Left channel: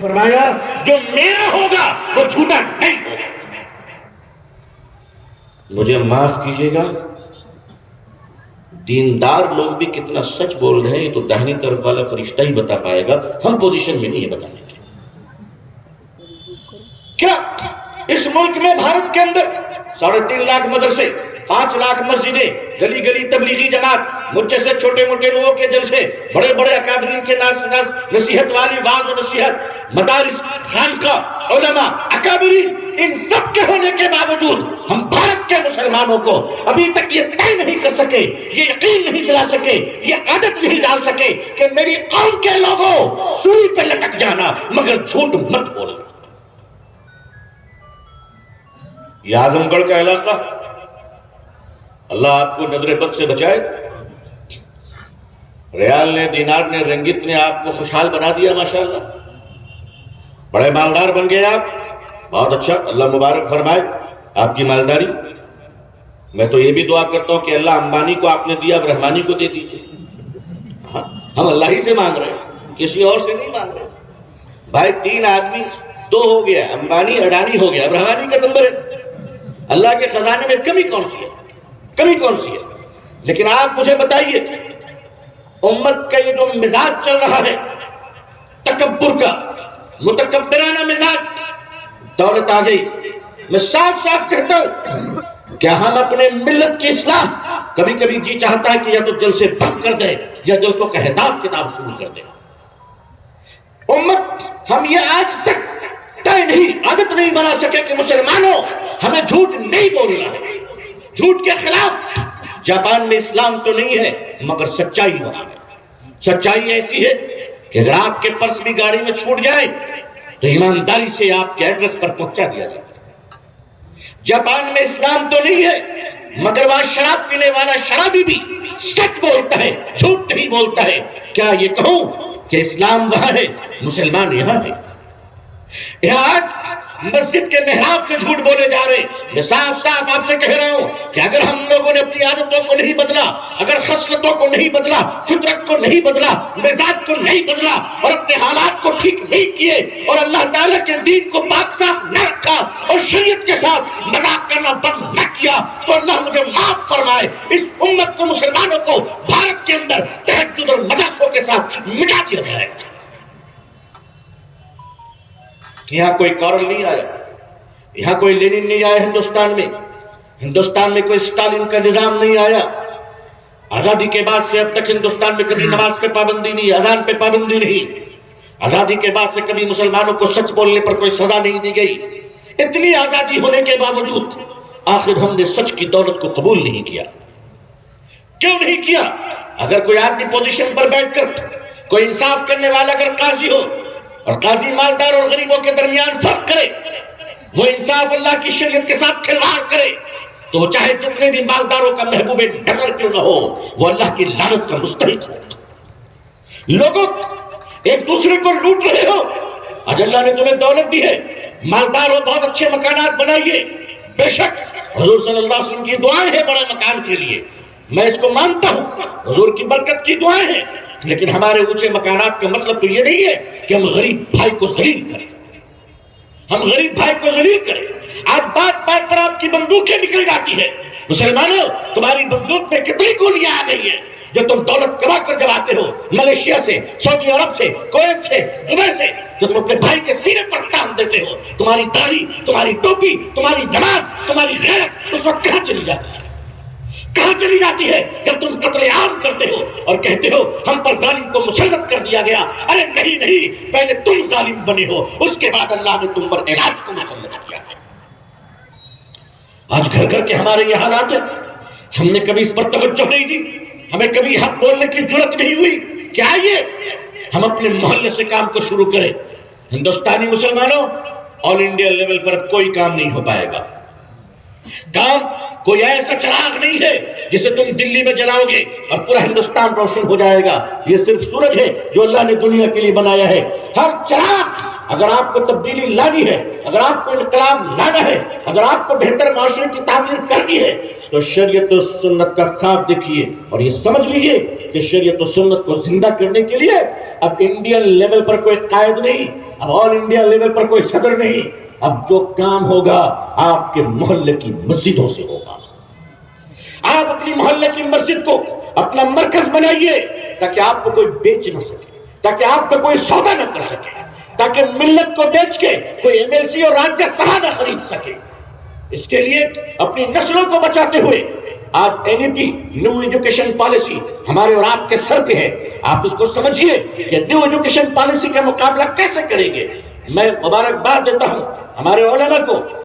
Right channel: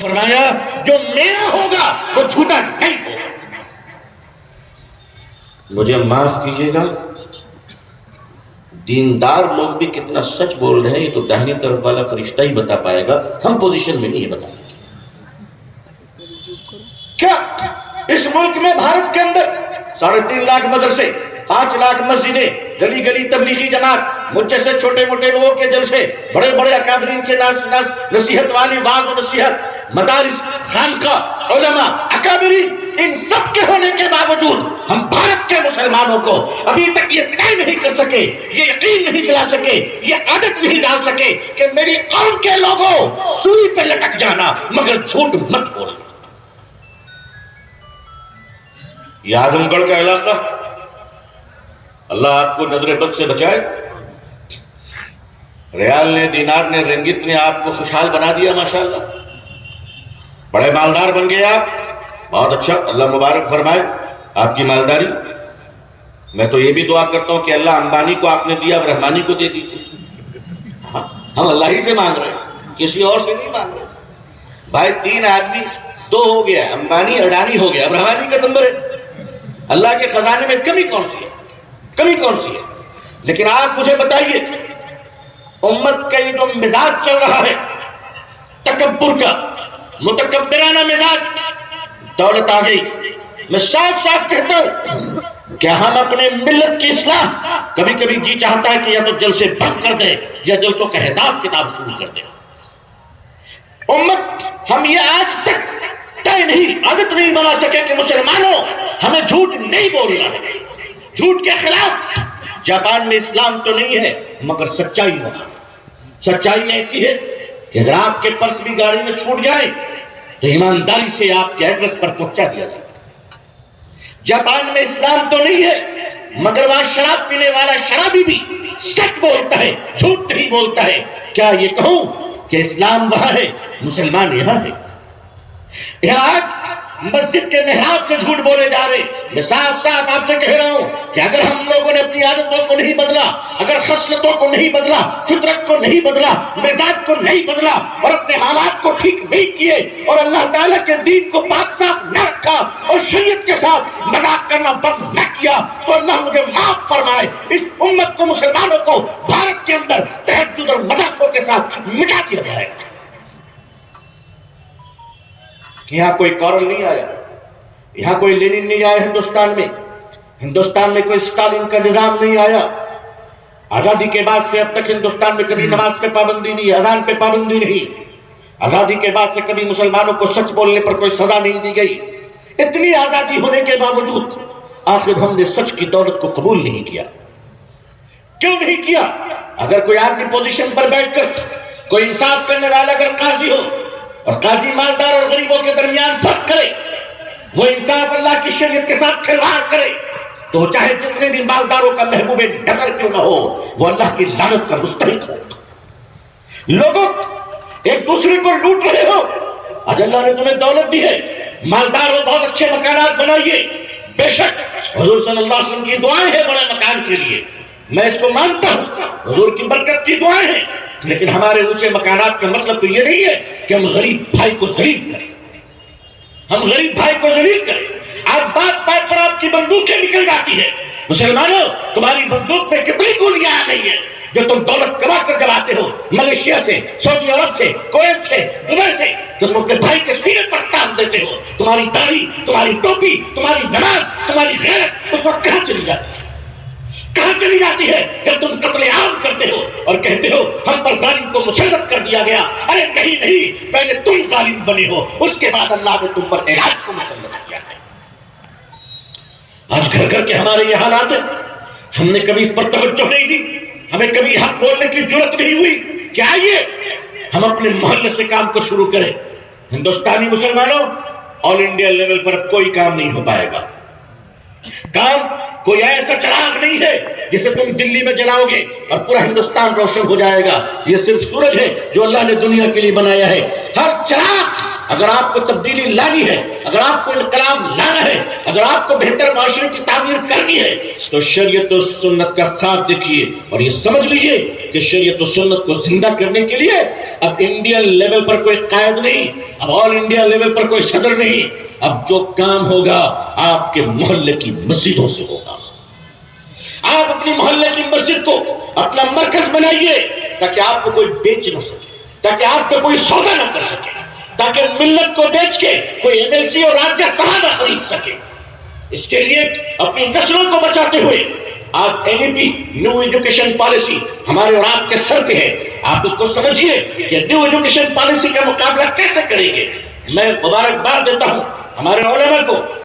فرمایا جو میرا ہوگا وہ جھوٹا نہیں ہوگا. مجھے معاف کیجیے گا، دیندار لوگ بھی کتنا سچ بول رہے ہیں یہ تو داہنی طرف والا فرشتہ ہی بتا پائے گا، ہم پوزیشن میں نہیں بتانے کے. کیا اس ملک میں بھارت کے اندر 3.5 لاکھ مدرسے، 5 لاکھ مسجدیں، گلی گلی تبلیغی جماعت، مجھ جیسے چھوٹے موٹے لوگوں کے جلسے، بڑے بڑے اکابرین کے نصیحت والی واعظ و نصیحت، مدارس، خانقاہ، علماء، اکابرین، ان سب کے ہونے کے باوجود ہم بھارت کے مسلمانوں کو ابھی تک یہ طے نہیں کر سکے، یہ یقین نہیں دلا سکے، یہ عادت نہیں ڈال سکے کہ میری قوم کے لوگوں سوئی پہ لٹک جانا مگر جھوٹ مت بولنا. یہ اعظم گڑھ کا علاقہ، اللہ آپ کو نظر بد سے بچائے. ریال نے، دینار نے، رنگت نے آپ کو خوشحال بنا دیا ماشاءاللہ، بڑے مالدار بن گئے آپ. بہت اچھا، اللہ مبارک فرمائے آپ کی مالداری. میں تو یہ بھی دعا کرتا ہوں کہ اللہ امبانی کو آپ نے دیا اب رحمانی کو دے دیجیے. ہم اللہ ہی سے مانگ رہے ہیں، کسی اور سے نہیں مانگ رہے. بھائی 3 آدمی 2 ہو گیا، امبانی اڈانی ہو گیا، اب رحمانی کا نمبر ہے. اللہ کے خزانے میں کمی کون سی ہے؟ کمی کون سی ہے؟ لیکن آپ مجھے بتائیے، امت کا یہ جو مزاج چل رہا ہے تکبر کا، متکبرانہ مزاج، دولت آ گئی. میں صاف صاف کہتا ہوں کیا ہم اپنے ملت کی اصلاح، کبھی کبھی جی چاہتا ہے کہ یا تو جلسے بند کر دیں یا جلسوں کا حساب کتاب شروع کر دیں. امت ہم یہ آج تک طے نہیں، عادت نہیں بنا سکے کہ مسلمانوں ہمیں جھوٹ نہیں بولنا ہے، جھوٹ کے خلاف. جاپان میں اسلام تو نہیں ہے مگر سچائی وہاں ہے. سچائی ایسی ہے کہ اگر آپ کے پرس بھی گاڑی میں چھوٹ جائے تو ایمانداری سے آپ کے ایڈریس پر پہنچا دیا جائے. جاپان میں اسلام تو نہیں ہے مگر وہاں شراب پینے والا شرابی بھی سچ بولتا ہے، جھوٹ نہیں بولتا ہے. کیا یہ کہوں کہ اسلام وہاں ہے، مسلمان یہاں ہے؟ یہاں مسجد کے محراب سے جھوٹ بولے جا رہے. میں صاف صاف آپ سے کہہ رہا ہوں کہ اگر ہم لوگوں نے اپنی عادتوں کو نہیں بدلا، اگر خصلتوں کو نہیں بدلا، فطرت کو نہیں بدلا، مزاج کو نہیں بدلا اور اپنے حالات کو ٹھیک نہیں کیے اور اللہ تعالیٰ کے دین کو پاک صاف نہ رکھا اور شریعت کے ساتھ مذاق کرنا بند نہ کیا تو اللہ مجھے معاف فرمائے اس امت کو، مسلمانوں کو بھارت کے اندر تہجد اور مدرسوں کے ساتھ مٹا دیا جائے گا. یہاں کوئی کارل نہیں آیا، یہاں کوئی لینن نہیں آیا. ہندوستان میں کوئی اسٹالن کا نظام نہیں آیا. آزادی کے بعد سے اب تک ہندوستان میں کبھی نماز پہ پابندی نہیں، اذان پہ پابندی نہیں. آزادی کے بعد سے کبھی مسلمانوں کو سچ بولنے پر کوئی سزا نہیں دی گئی. اتنی آزادی ہونے کے باوجود آخر ہم نے سچ کی دولت کو قبول نہیں کیا. کیوں نہیں کیا؟ اگر کوئی آپ کی پوزیشن پر بیٹھ کر کوئی انصاف کرنے والا اگر قاضی ہو اور قاضی مالدار اور غریبوں کے درمیان فرق کرے، وہ انصاف اللہ کی شریعت کے ساتھ کھلواڑ کرے، تو چاہے جتنے بھی مالداروں کا محبوب ڈگر کیوں نہ ہو وہ اللہ کی لعنت کا مستحق ہو. لوگوں ایک دوسرے کو لوٹ رہے ہو، آج اللہ نے تمہیں دولت دی ہے، مالدار ہو، بہت اچھے مکانات بنائیے. بے شک حضور صلی اللہ علیہ وسلم کی دعائیں ہیں بڑے مکان کے لیے، میں اس کو مانتا ہوں، حضور کی برکت کی دعائیں ہیں. لیکن ہمارے اونچے مکانات کا مطلب تو یہ نہیں ہے کہ ہم غریب بھائی کو ذلیل کریں. ہم غریب بھائی کو ذلیل کریں. آج بات بات پر آپ کی بندوقیں نکل جاتی ہے. مسلمانوں تمہاری بندوق میں کتنی گولیاں آ گئی ہیں جو تم دولت کما کر جب آتے ہو ملیشیا سے، سعودی عرب سے، کویت سے، دبئی سے، تو تم اپنے بھائی کے سینے پر ٹانگ دیتے ہو. تمہاری داڑھی، تمہاری ٹوپی، تمہاری نماز، تمہاری غیرت اس وقت کہاں چلی جاتی ہے؟ کہاں چلی جاتی ہے جب تم قتل عام کرتے ہو اور کہتے ہو ہم پر ظالم کو مسلط کر دیا گیا؟ ارے نہیں نہیں، پہلے تم ظالم بنے ہو، اس کے بعد اللہ نے تم پر علاج کو مسلط کیا ہے. آج گھر گھر کے ہمارے یہ حالات ہیں. ہم نے کبھی اس پر توجہ نہیں دی، ہمیں کبھی حق بولنے کی جرت نہیں ہوئی. کیا یہ ہم اپنے محلے سے کام کو شروع کریں؟ ہندوستانی مسلمانوں، آل انڈیا لیول پر اب کوئی کام نہیں ہو پائے گا. کام کوئی ایسا چراغ نہیں ہے جسے تم دلی میں جلاؤ گے اور پورا ہندوستان روشن ہو جائے گا. یہ صرف سورج ہے جو اللہ نے دنیا کے لیے بنایا ہے. ہر چراغ، اگر آپ کو تبدیلی لانی ہے، اگر آپ کو انقلاب لانا ہے، اگر آپ کو بہتر معاشرے کی تعمیر کرنی ہے تو شریعت و سنت کا خواب دیکھیے اور یہ سمجھ لیجیے کہ کہ شریعت و سنت کو زندہ کرنے کے لیے اب انڈین لیول پر کوئی قائد نہیں، اب آل انڈیا لیول پر کوئی صدر نہیں، اب جو کام ہوگا آپ کے محلے کی مسجدوں سے ہوگا۔ آپ اپنی محلے کی مسجد کو اپنا مرکز بنائیے تاکہ آپ کو کوئی بیچ نہ سکے، تاکہ آپ کو کوئی سودا نہ کر سکے، تاکہ ملت کو بیچ کے کوئی ایم ایل سی اور راجیہ سبھا نہ خرید سکے۔ اس کے لیے اپنی نسلوں کو بچاتے ہوئے آج این ای پی نیو ایجوکیشن پالیسی ہمارے اور آپ کے سر پہ ہے۔ آپ اس کو سمجھیے کہ نیو ایجوکیشن پالیسی کا مقابلہ کیسے کریں گے۔ میں مبارکباد دیتا ہوں ہمارے علماء کو